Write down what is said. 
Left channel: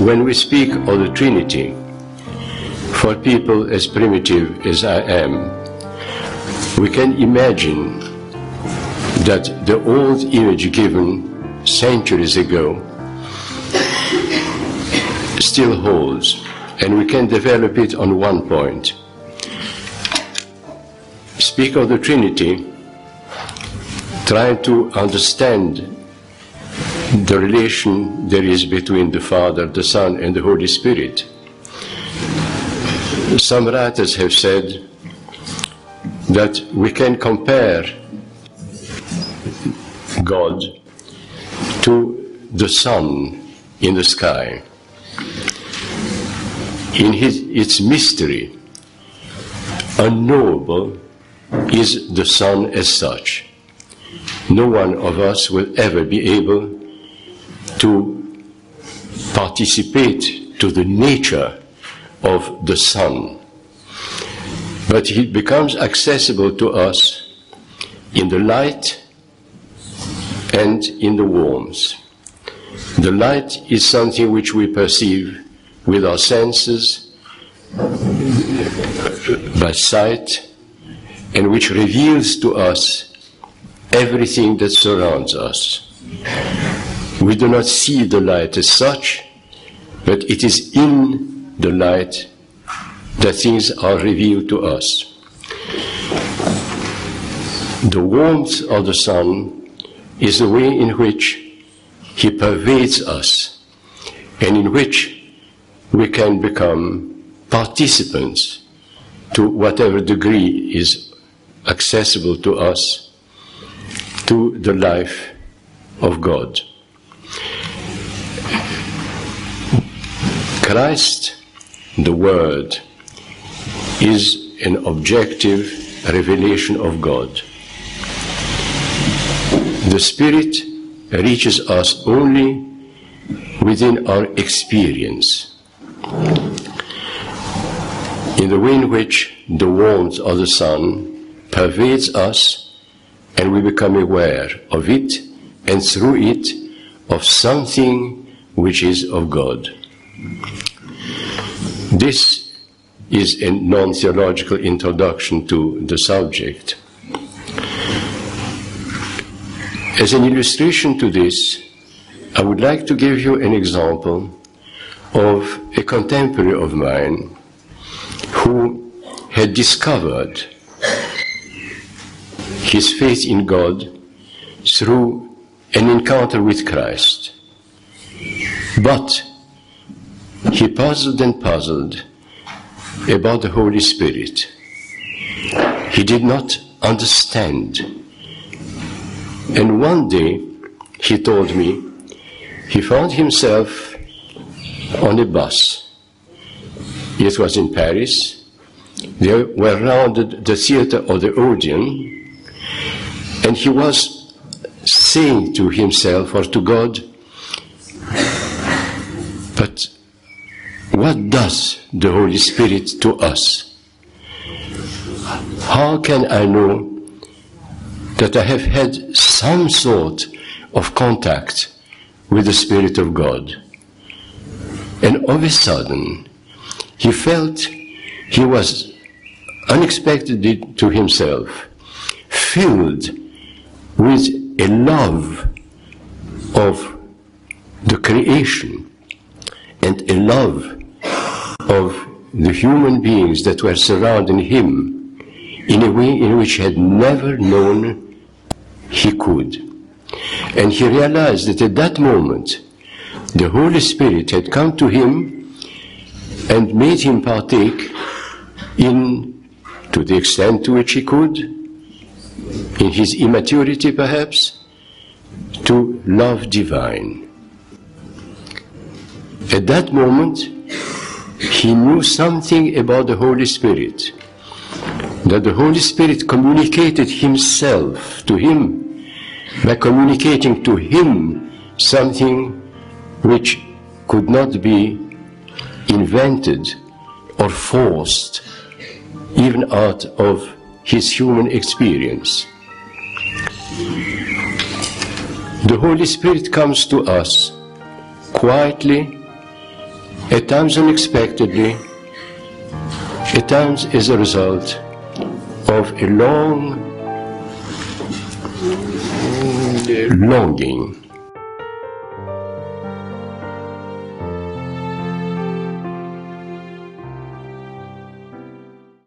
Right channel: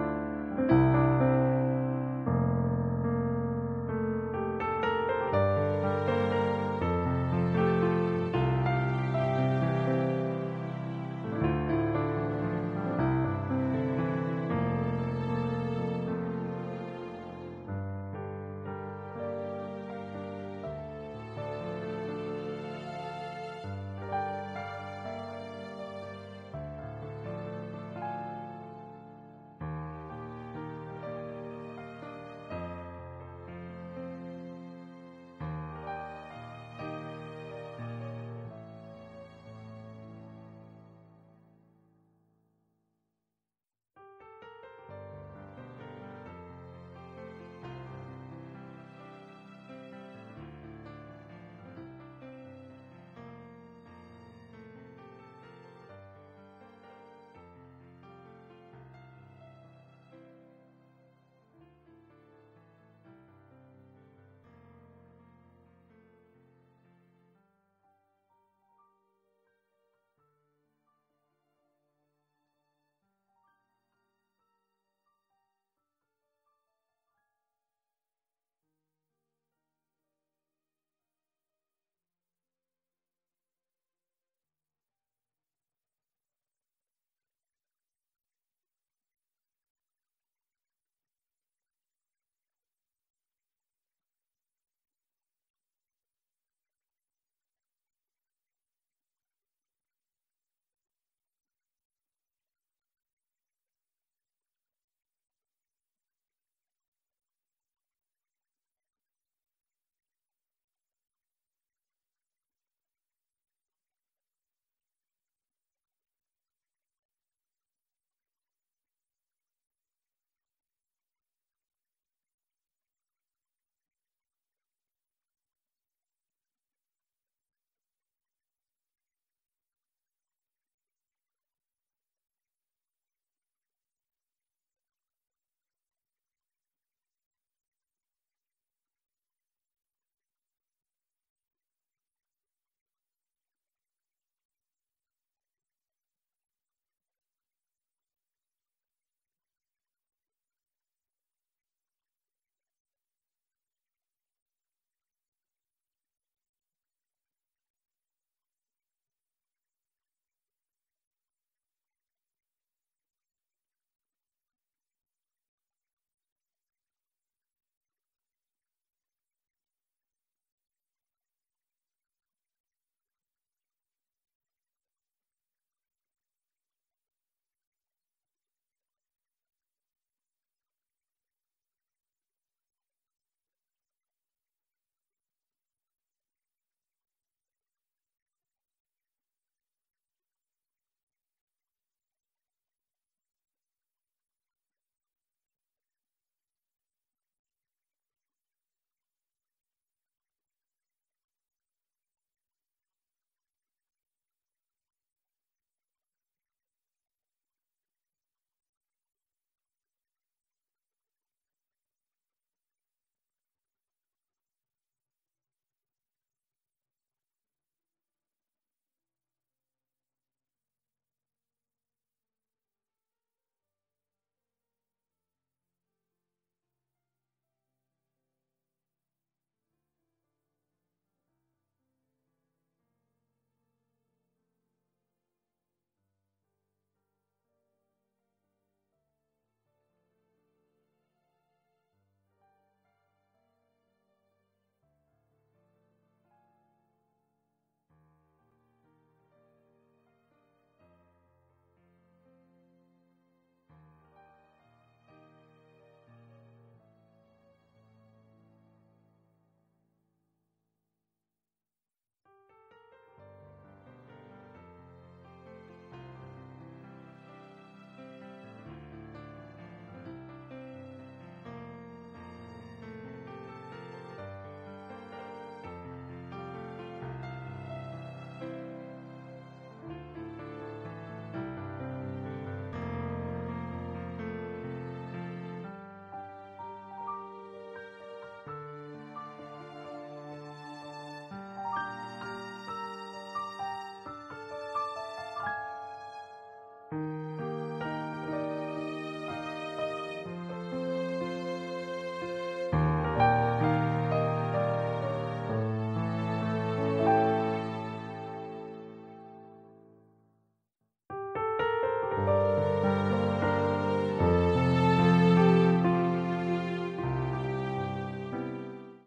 When we speak of the Trinity, for people as primitive as I am, we can imagine that the old image given centuries ago still holds, and we can develop it on one point. Speak of the Trinity, trying to understand the relation there is between the Father, the Son, and the Holy Spirit. Some writers have said that we can compare God to the sun in the sky. In its mystery, unknowable is the sun as such. No one of us will ever be able to participate to the nature of the sun, but he becomes accessible to us in the light and in the warmth. The light is something which we perceive with our senses, by sight, and which reveals to us everything that surrounds us. We do not see the light as such, but it is in the light that things are revealed to us. The warmth of the sun is the way in which he pervades us, and in which we can become participants to whatever degree is accessible to us, to the life of God. Christ, the Word, is an objective revelation of God. The Spirit reaches us only within our experience, in the way in which the warmth of the sun pervades us and we become aware of it, and through it of something which is of God. This is a non-theological introduction to the subject. As an illustration to this, I would like to give you an example of a contemporary of mine who had discovered his faith in God through an encounter with Christ. But he puzzled and puzzled about the Holy Spirit. He did not understand. And one day, he told me, he found himself on a bus. It was in Paris. They were rounded the theater of the Odeon, and he was saying to himself or to God, but what does the Holy Spirit to us? How can I know that I have had some sort of contact with the Spirit of God? And all of a sudden, he felt he was unexpectedly to himself filled with a love of the creation and a love of the human beings that were surrounding him in a way in which he had never known he could. And he realized that at that moment, the Holy Spirit had come to him and made him partake in, to the extent to which he could, in his immaturity perhaps, to love divine. At that moment, he knew something about the Holy Spirit, that the Holy Spirit communicated himself to him by communicating to him something which could not be invented or forced even out of his human experience. The Holy Spirit comes to us quietly At times unexpectedly, at times as a result of a long longing